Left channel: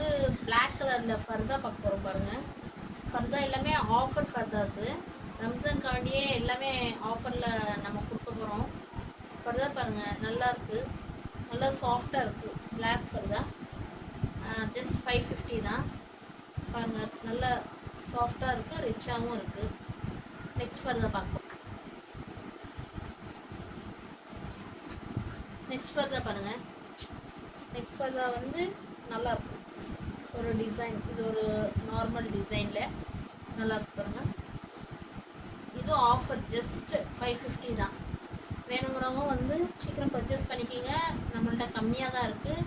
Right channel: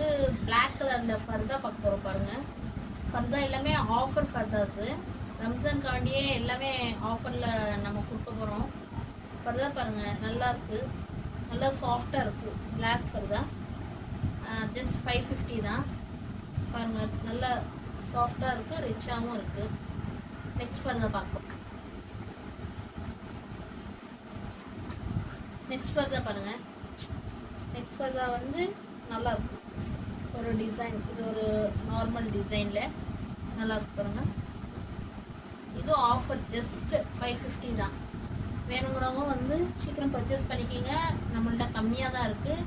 வந்து பிளாக் கலரில் ஃபர்தா பார்க்க போகிறோம் பாருங்கள். ஃபர்தா எல்லாமே ஆஃபர் ஃபர்தாஸு. ரம்ஜான் காண்டியே எல்லாமே ஆஃபரில் நம்ம கொடுக்க போகிறோம். ஃபர்தா பாருங்கள், நல்லா இருக்குது, நல்லா சாஃப்டாக இருக்குது. பிளாக் ஃபர்தா ஜஸ்ட் 550 தான். பாருங்கள், நல்லா சாஃப்டாக இருக்குது, ரிச்சாகவும் இருக்குது. நெக்ஸ்ட் ஃபர்தா பார்ப்போம். நெக்ஸ்ட் ஃபர்தா பாருங்கள். நெக்ஸ்ட் ஃபர்தா வந்து நல்லா இருக்கு, ஒரு டிசைன். இது ஒரு நார்மல் டிசைனில் நல்லா இருக்கு பாருங்கள். இது ஆஃபர் ஜஸ்ட் 550 தான். வேணுங்கிறவங்க வந்து சீக்கிரம் பர்ச்சேஸ் பண்ணிக்கிங்க, நம்மள்ட்ட கம்மியாக தான் இருக்குது.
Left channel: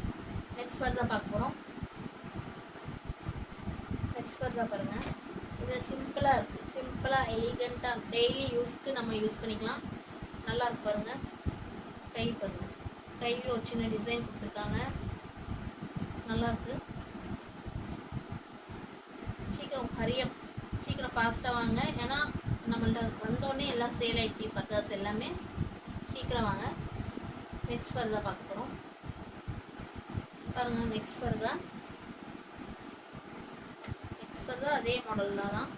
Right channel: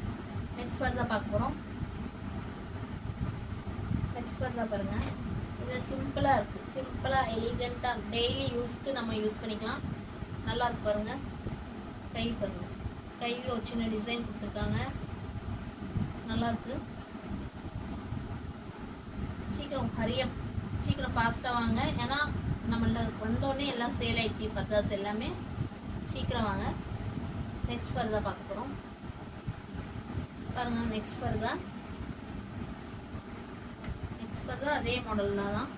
நெக்ஸ்ட் ஃபர்தா பார்க்க போகிறோம். நெக்ஸ்ட் ஃபர்தா பாருங்கள். இது சிம்பிளாக இருக்குது, சிம்பிளாக எலிகண்ட்டாக டெய்லி யூஸ்க்கு நம்ம யூஸ் பண்ணிக்கலாம். நல்லா இருக்கு பாருங்கள். கை பாருங்கள், கையில் ஒரு சின்ன டிசைன் கொடுத்துருக்காங்க, நல்லாயிருக்கு. சீக்கிரம் ஃபாஸ்ட்டாக வாங்க, ஏன்னா நம்மள்ட்ட வந்தோடனே எல்லாம் சேல் ஆயிடுச்சு. ஃபர்தாஸ் எல்லாமே சீக்கிரம் வாங்க. நெக்ஸ்ட் ஃபர்தா பார்க்க போகிறோம் பாருங்கள். நெக்ஸ்ட் ஃபர்தா அதே மாடலில் தான்,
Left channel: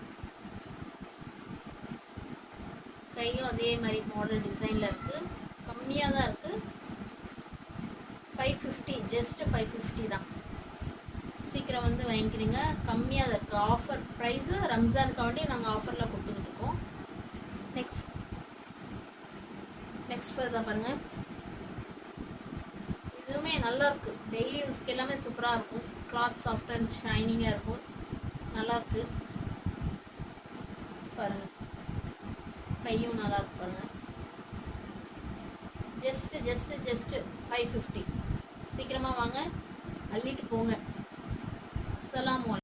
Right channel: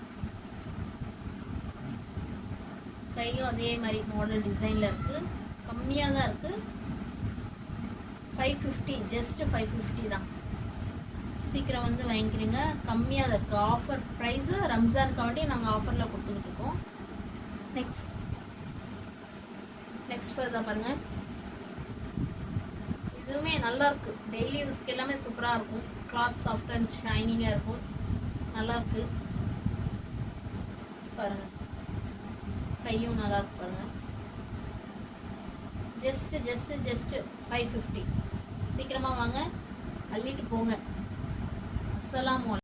கையும் அதே மாதிரி மாடல் டிசைனில் இருக்குது. கம்மியாக தான் இருக்குது, 550, ஜஸ்ட் 550 தான். சீக்கிரம் வந்து வாங்கிக்கிறீங்க, கம்மியாக தான் இருக்குது. ஆஃபர் ப்ரைஸு ரம்ஜானுக்காண்டி நாங்கள் ஆஃபரில் கொடுத்துக்கிட்டு இருக்கோம். நெக்ஸ்ட் ஃபர்தா பாருங்கள். இதுவுமே நல்லா இருக்குது, டெய்லி யூஸ்க்கு எல்லாமே சூப்பராக இருக்கும். கிளாத் சாஃப்ட் அண்ட் ஷைனிங்காக இருக்கும், நல்லாயிருக்கு பாருங்கள். கையும் நல்லா இருக்கு பாருங்கள். ஜஸ்ட் 550. சீக்கிரமாக வாங்க, அள்ளிட்டு போங்க. அஸ்ஸலாமு அலைக்கும்.